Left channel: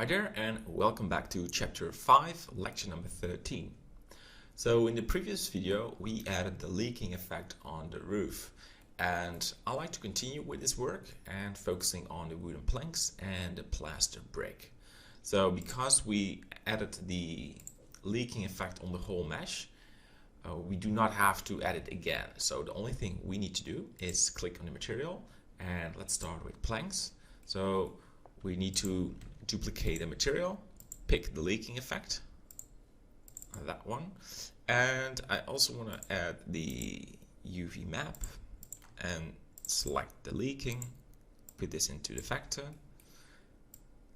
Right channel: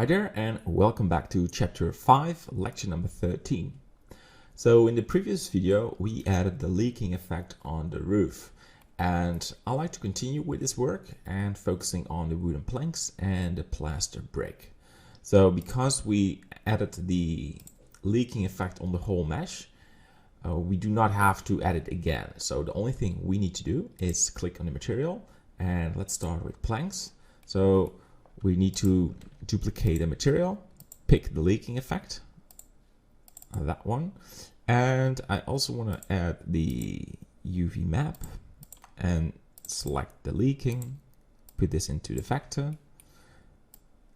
Hi there, and welcome back to chapter 5, lecture number 13. So in the previous video we added the leaking effect on the roof, and I like to continue with this work and focusing on the wooden planks and the plaster brick. So because we added the leaking effect on the whole mesh, we do not have to add it again. So the only thing we need to do is click on the material, and let's start with planks. So we need to duplicate the material, pick the leaking effect, that one, and I also want to add the UV map and select the leaking, put this into the vector,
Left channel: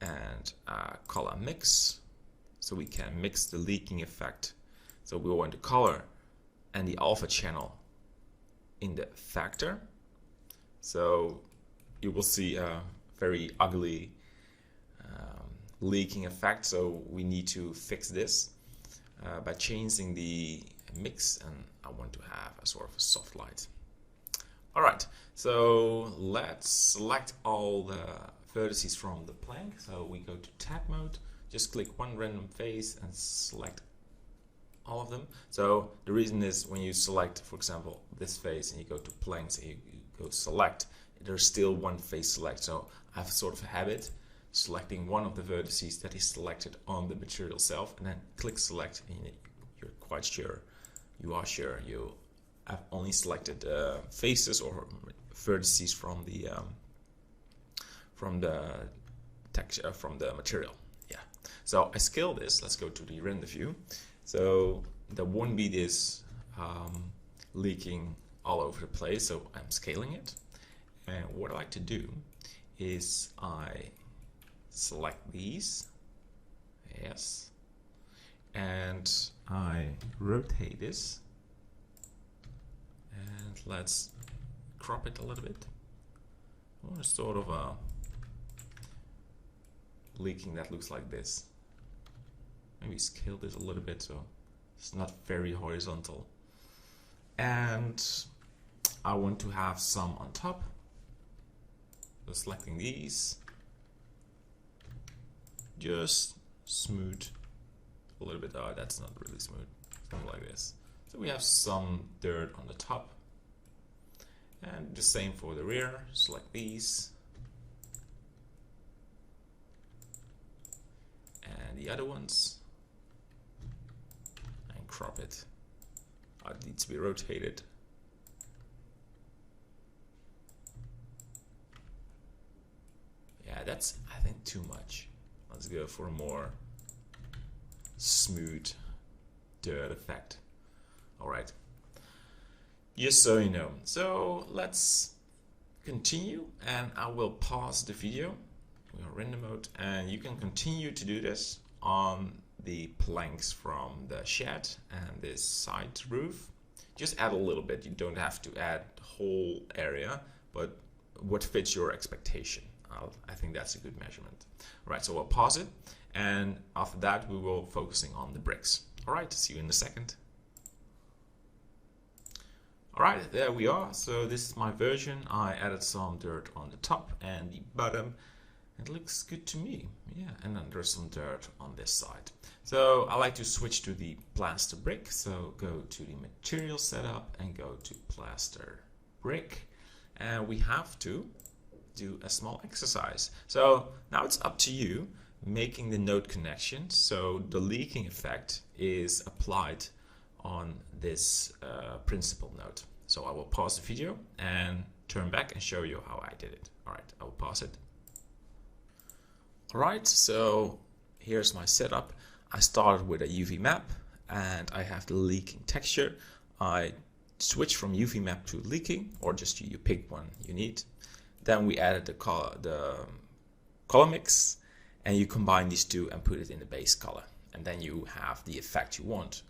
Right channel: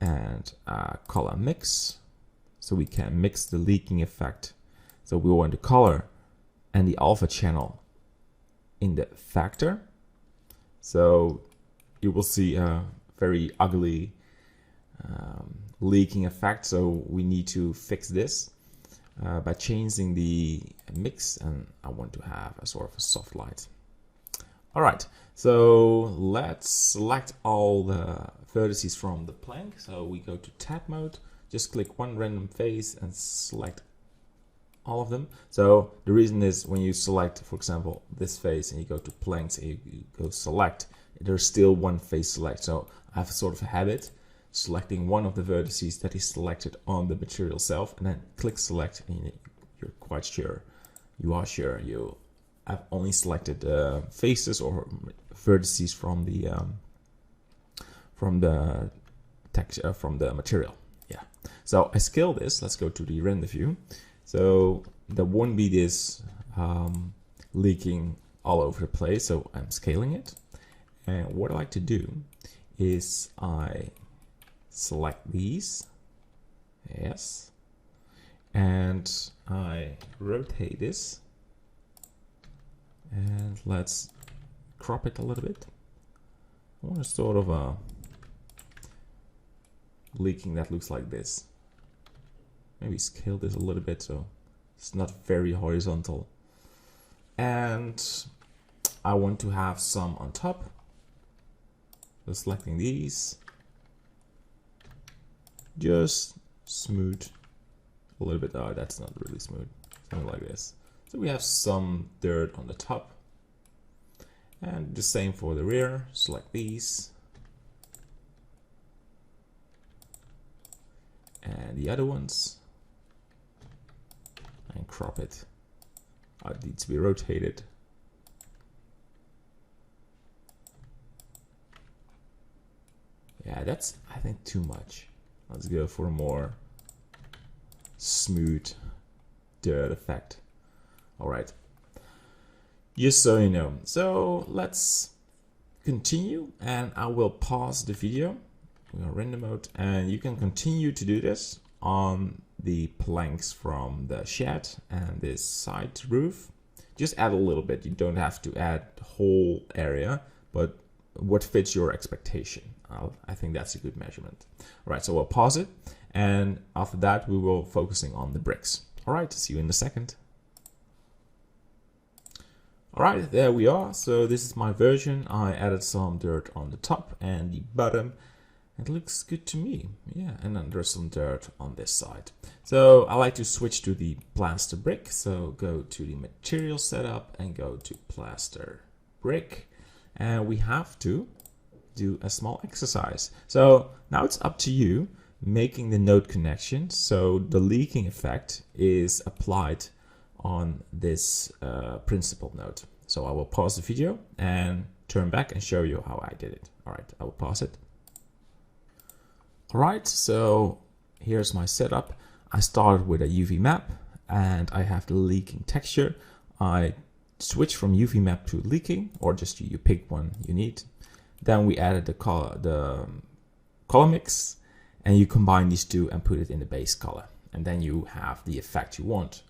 and color mix, so we can mix the leaking effect. So we want the color and the alpha channel in the vector, so you will see a very ugly leaking effect. So we need to fix this by changing the mix, and I want to have a sort of a soft light. Alright, so let's select all the vertices from the plank. So we go to tab mode, just click one random face and select all of them. So the reason is when you select, for example, this face and you go to planks and you go select, there's still one face select. So I have sort of a habit selecting one of the vertices that is selected on the material itself, and then click select, and you're quite sure, you are sure you have only selected faces or vertices from the texture from the material. Yeah. So I scale this. Let's go to the render view. So there won't be this leaking all over the place. So I'm scaling it. And what I like to do is I select these, yes, and I rotate this, and let's crop it a little bit. I want a sort of a leaking that looks like this. Maybe scale this a little bit so it's not very horizontal. And I want to have some on top. So selecting these, just smooth a little bit. Oh, that's not really smooth. Something like this. So we have some dirt on the top, and the same for the rear. Select these, and the other ones, and crop it. It needs to be rotated. Yeah, that's, I think, too much. Let's go for a more smooth dirt effect. Alright, just so you know. So let's continue, and I will pause the video. We're on render mode, and you can continue to do this on the planks from the shed and this side roof. Just add a little bit. You don't have to add the whole area, but what fits your expectation. I think that's a good measurement. All right, so we'll pause it, and after that we will focusing on the bricks. All right, see you in a second. All right, there we are. So this is my version. I added some dirt on the top and the bottom. It looks good to me. Yeah, and then there's some dirt on this side. So I like to switch to the plaster brick. So go to the material setup and go to plaster brick, and we have to do a small exercise. So now it's up to you making the node connection, so the leaking effect is applied on this principal node. So I will pause the video and turn back and show you how I did it. All right, I will pause it. All right, so here's my setup. I started with a UV map, and I have the leaking texture. I switch from UV map to leaking, or just you pick one you need. Then we added the color mix, and you combine these two and put it in the base color, and then you have the effect you want.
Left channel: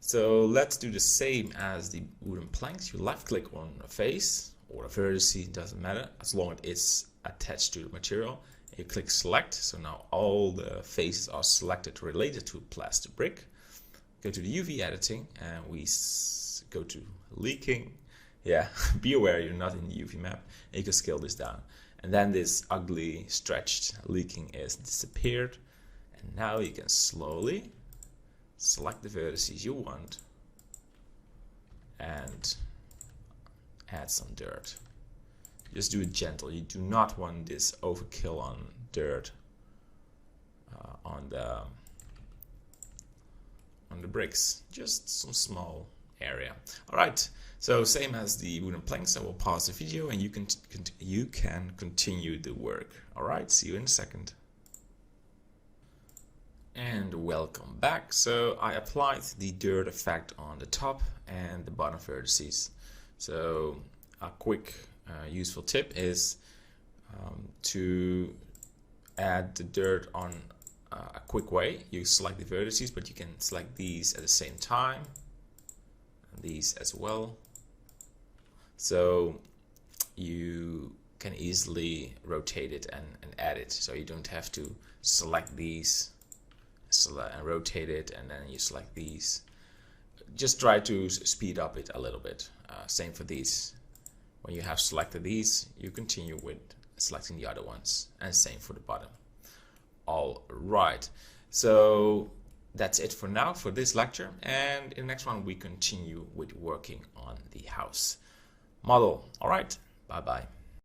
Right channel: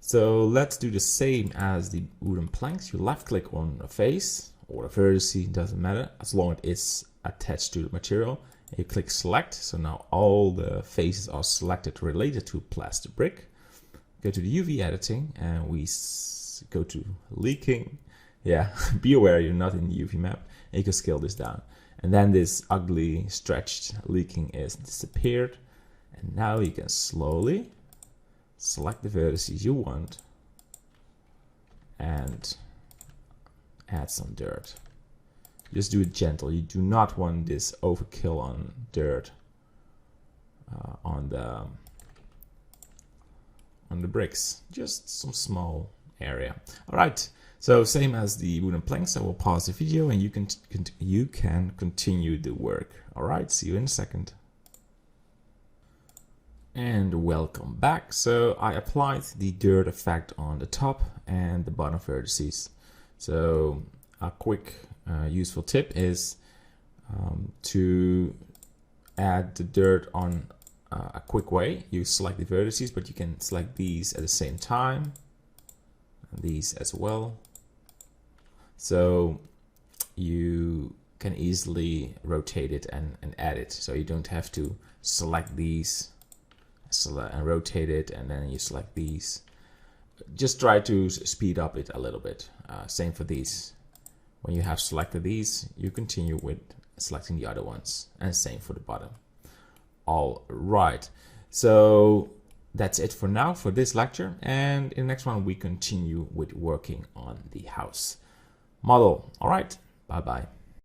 So let's do the same as the wooden planks. You left click on a face or a vertice, doesn't matter, as long as it's attached to the material. You click select, so now all the faces are selected related to plaster brick. Go to the UV editing, and we go to leaking. Yeah, be aware you're not in the UV map. And you can scale this down, and then this ugly stretched leaking is disappeared. And now you can slowly select the vertices you want and add some dirt. Just do it gentle. You do not want this overkill on dirt on the bricks. Just some small area. All right. So same as the wooden planks, I will pause the video and you can continue the work. All right. See you in a second. And welcome back. So I applied the dirt effect on the top and the bottom vertices. So a quick useful tip is to add the dirt on a quick way. You select the vertices, but you can select these at the same time, and these as well. So you can easily rotate it and add it. So you don't have to select these and rotate it and then you select these. Just try to speed up it a little bit. Same for these. When you have selected these, you continue with selecting the other ones, and same for the bottom. All right, so that's it for now for this lecture, and in the next one we continue with working on the house model. All right, bye bye.